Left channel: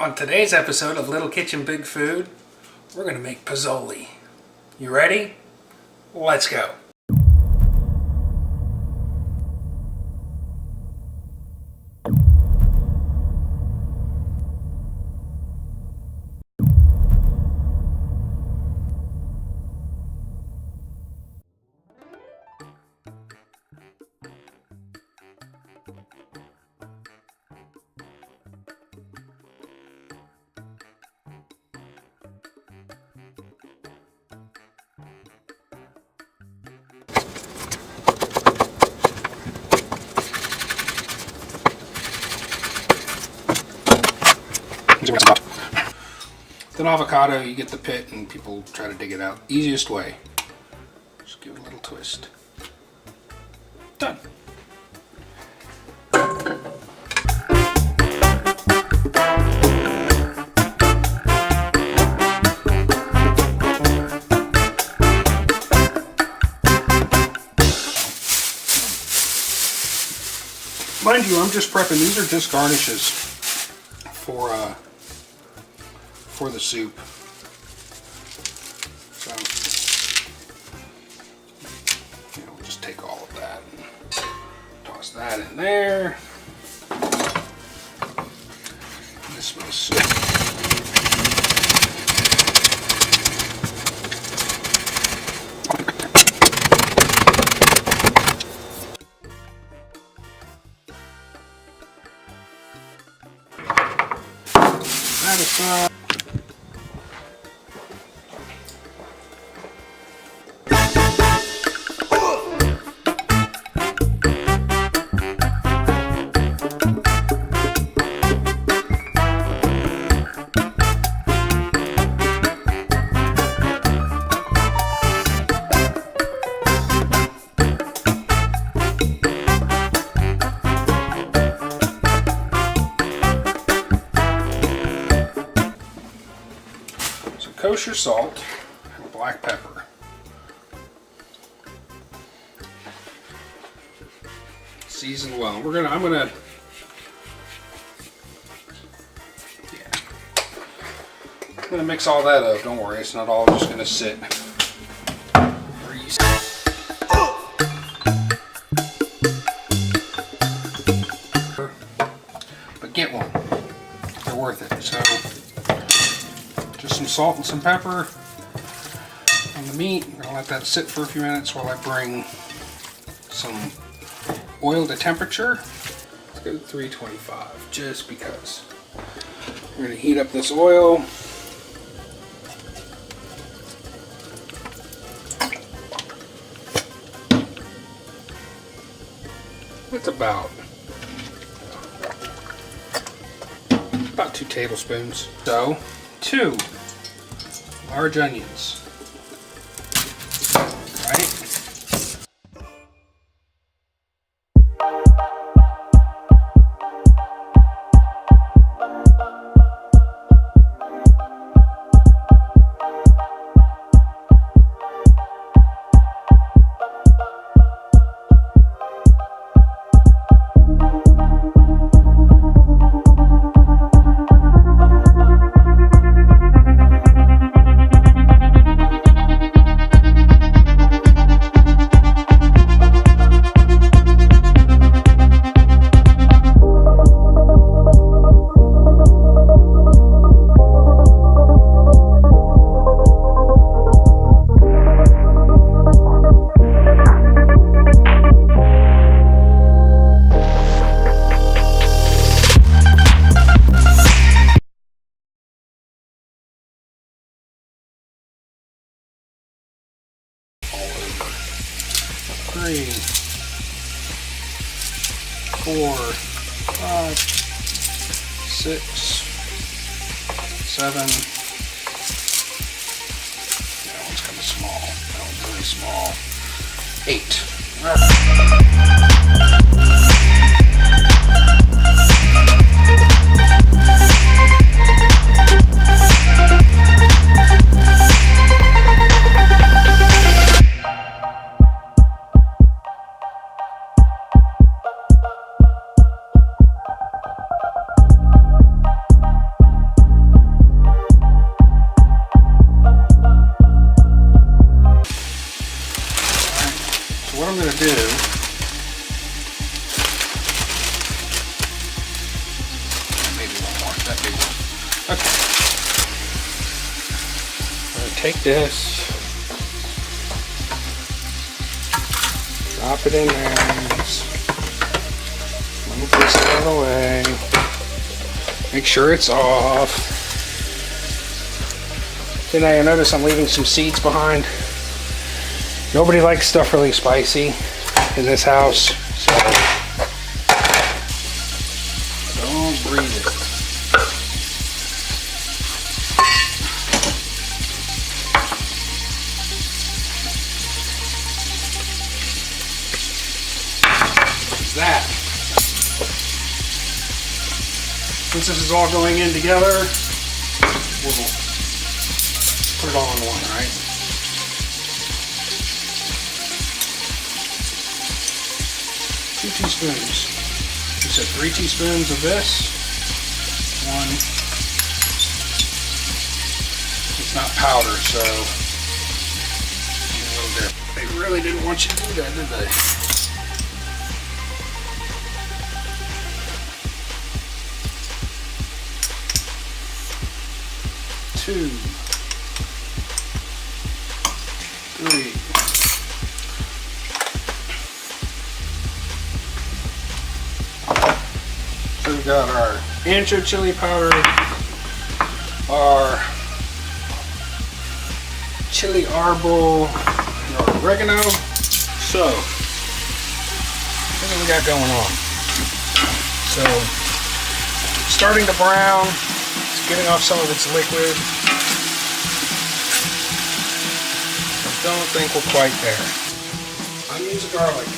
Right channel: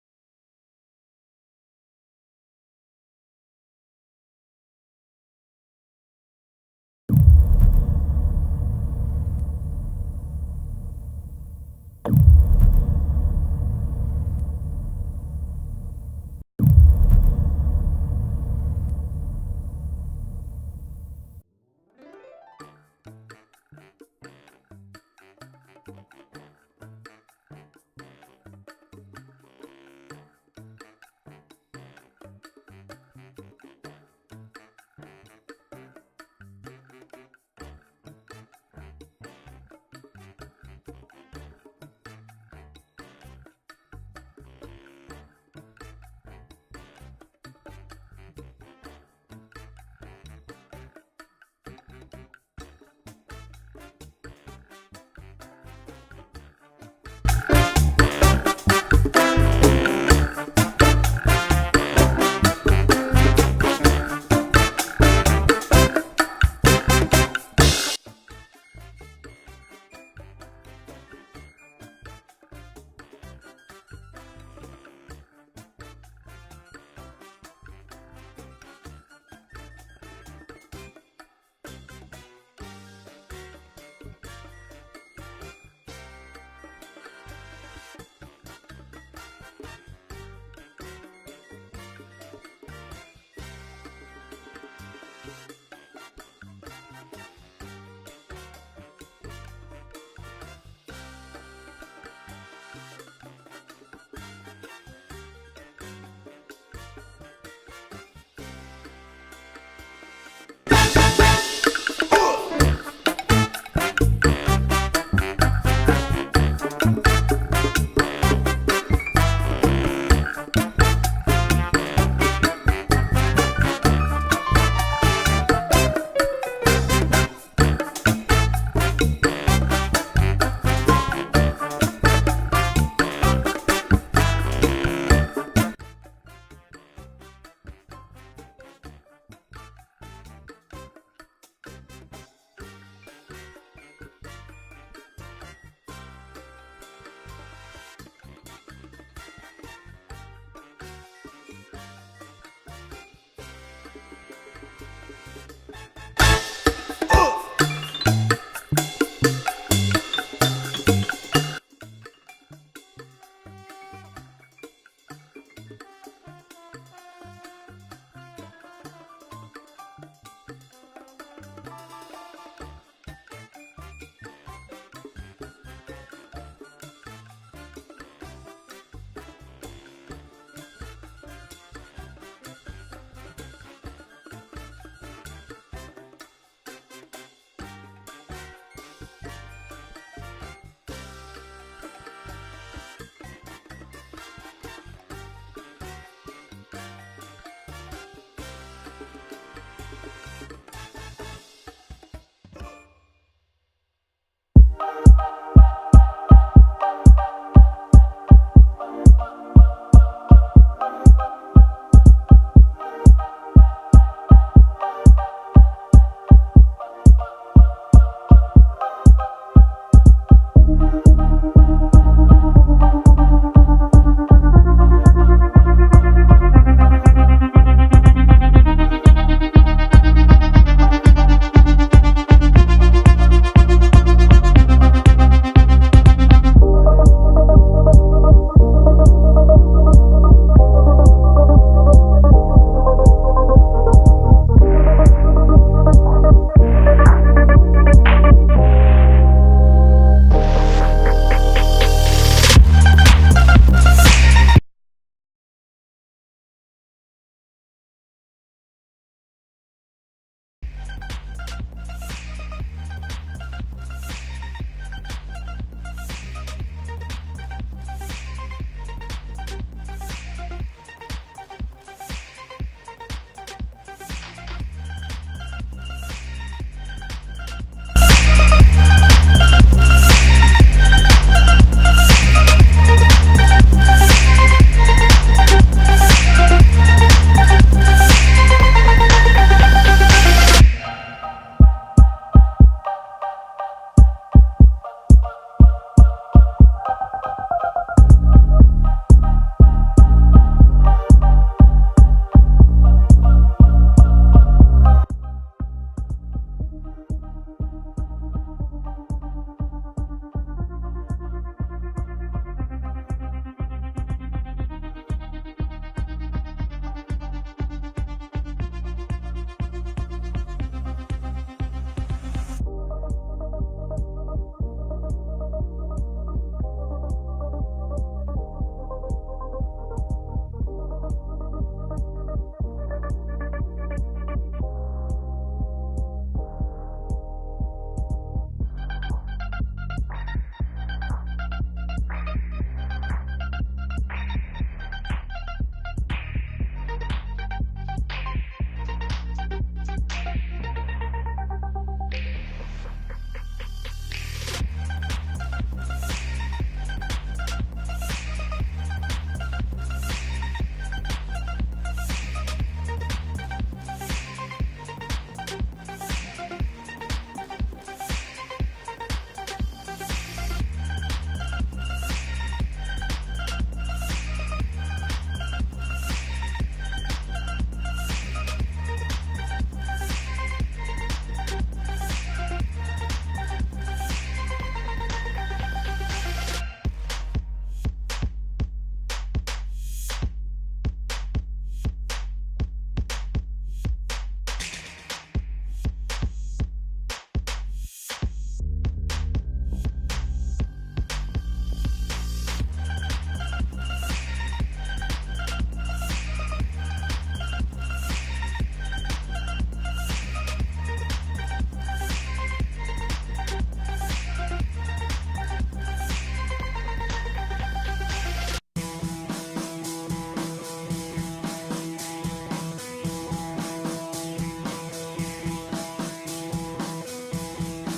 On today's episode of Little Kitchen Big Food, we're going to make pozole. You ready? Let's go. With an avocado, you get the pit and people try to dig it out. Easiest way. Just give it a little twist. Done. Mind you, I'm just prepping. These are just garnishes for the soup. So, we'll just take all of that, toss that in there. This will sit. That aside. Kosher salt and black pepper. Season well. I'm gonna mix all that up. Don't worry, it's not all just gonna sit. But get one. They're worth it. So just some salt and some pepper on the meat. I'm going to let that sit for a few minutes while I bring some oil to temperature. Let's go to 325 just because. We're going to heat up this oil. It's about 2 tablespoons. So 2 large onions. Right? Three, 4, 5, 6, 7. That one's kind of small. That one's really small. 8. All take this, drop it in there, move this out of the way, make sure it's off. Then I notice I'm leaving some seeds behind. Nobody likes stuff really spicy in this house, so don't breathe it. That. Since this is all going in together, we'll put it all in one, right? Two teaspoons. You said 3 teaspoons of this. One. It's not powder, so they really didn't want you to do that, did they? Two, 3. So we've got our ancho chili powder, our chili árbol, and our oregano. So, what do we got going on? So, starting to brown, it's getting off some of its liquid. Don't think we're quite there. Onions and garlic.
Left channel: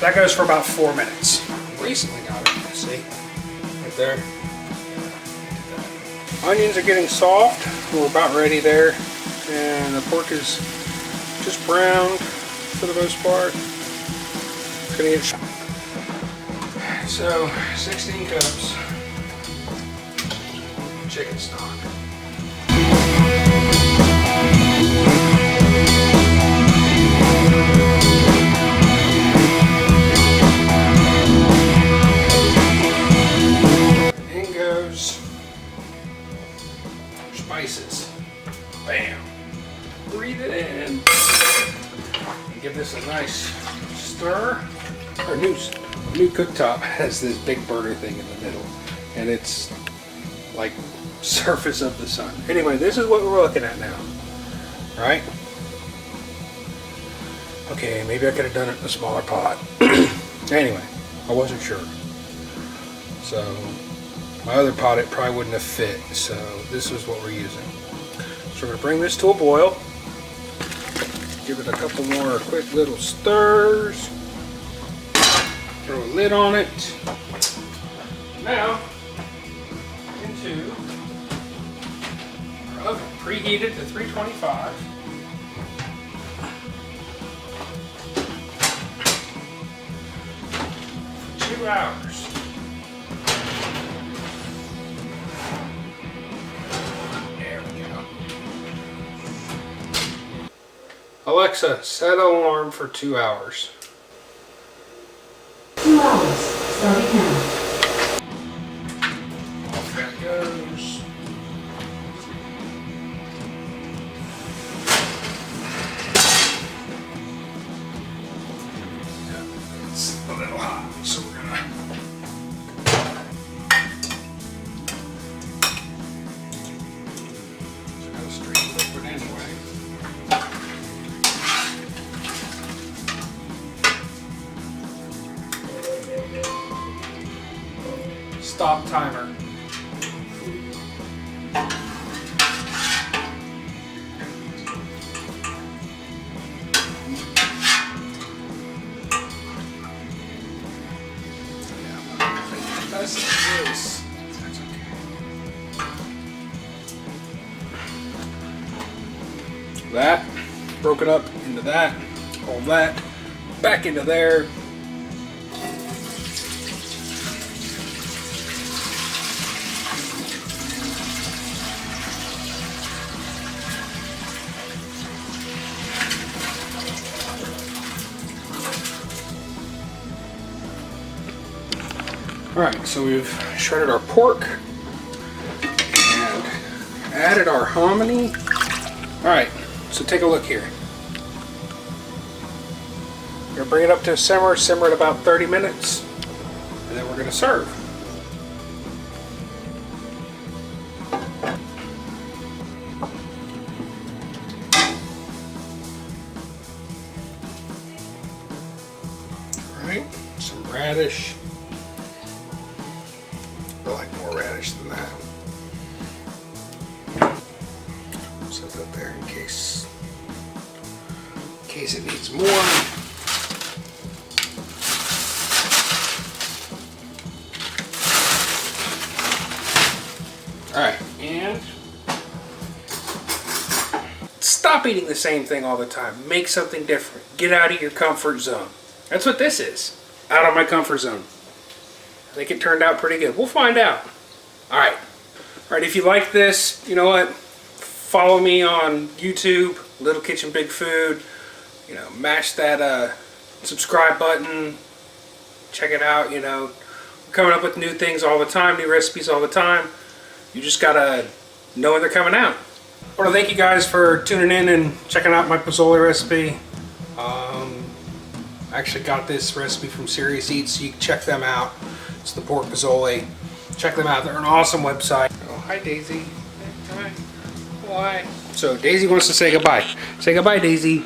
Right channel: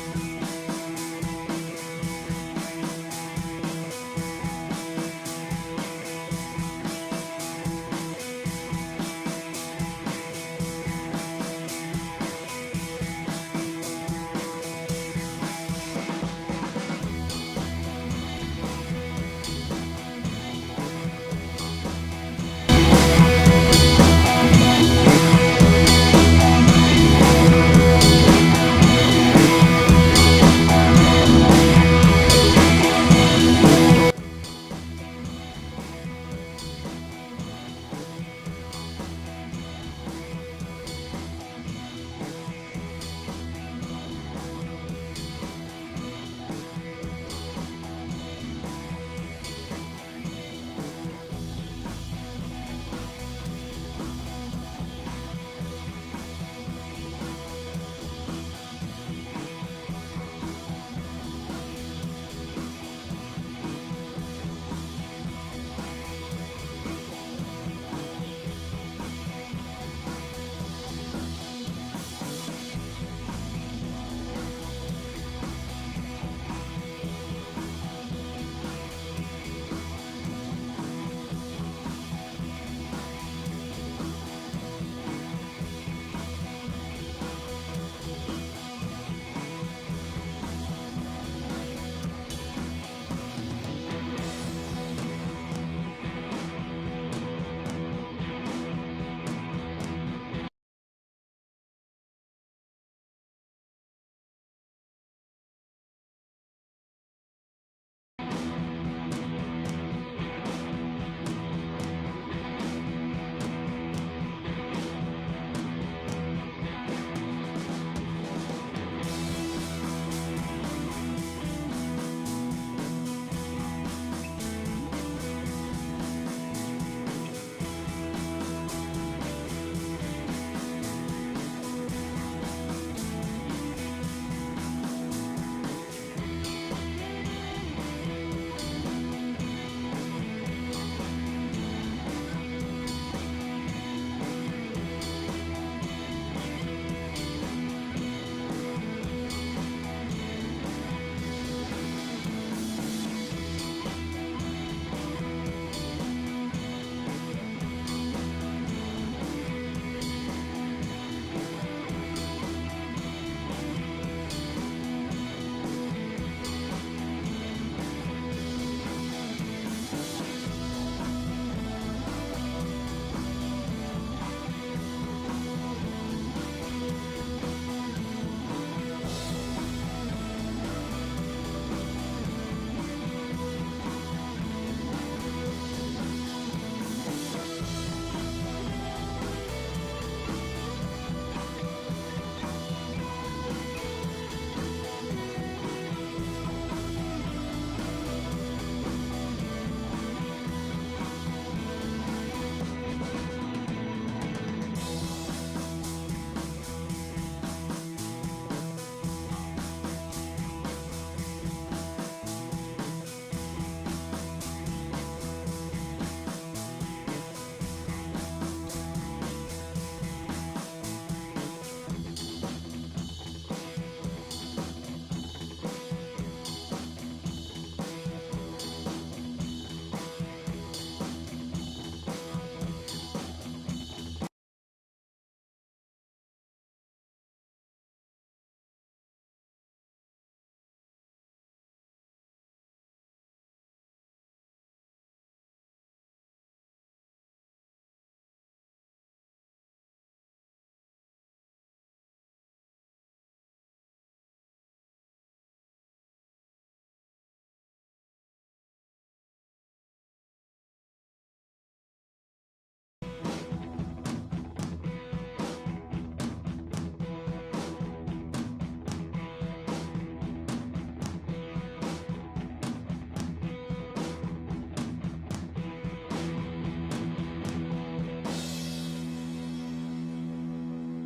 That goes for about 4 minutes. Recently got it, see? Right there. Onions are getting soft. We're about ready there. And the pork is just browned for the most part. It's gonna get so 16 cups chicken stock. In goes spices. Bam. Breathe it in. Give this a nice stir. Our new cooktop has this big burner thing in the middle, and it's like surface of the sun. Anyway, this is what we're looking at now, right? Okay, maybe I could have done it in a smaller pot. Anyway, I wasn't sure. So my other pot, it probably wouldn't have fit. So this is what we're using. So we're gonna bring this to a boil. Give it a couple more quick little stirs. Throw a lid on it. Now, preheat it to 325. Two hours. There we go. Alexa, set an alarm for 2 hours. 2 hours, starting now. Off that goes. It's a little hot, so we're gonna straight liquid anyway. Stop timer. That broken up into that, all that back into there. Alright, so we've shredded our pork and added our hominy. Alright, so take a look here. We're going to bring it up to a simmer at about 30 minutes, and then we're going to serve. Alright, some radish. I like more radish than that. Set it up there in case it needs more. Alright, and stop eating the same thing all the time. Make something different. Get out of your comfort zone. That's what this is. Out of my comfort zone. I think it turned out pretty good. We'll find out. Alright. Alright, if you like this, you know what? Follow me on YouTube, Little Kitchen Big Food. You know, mash that subscribe button. Check it out, you know. We're coming up with new things all the time, new recipes all the time. You just gotta know when they're coming out. I want to thank you guys for tuning in and checking out my Pozole recipe. I actually got this recipe from Serious Eats, so you can check them out. It's the pork Pozole. Check them out. They're an awesome website. Oh, hi Daisy. Hi. Why? So Daisy wants to say goodbye. Say goodbye, Daisy.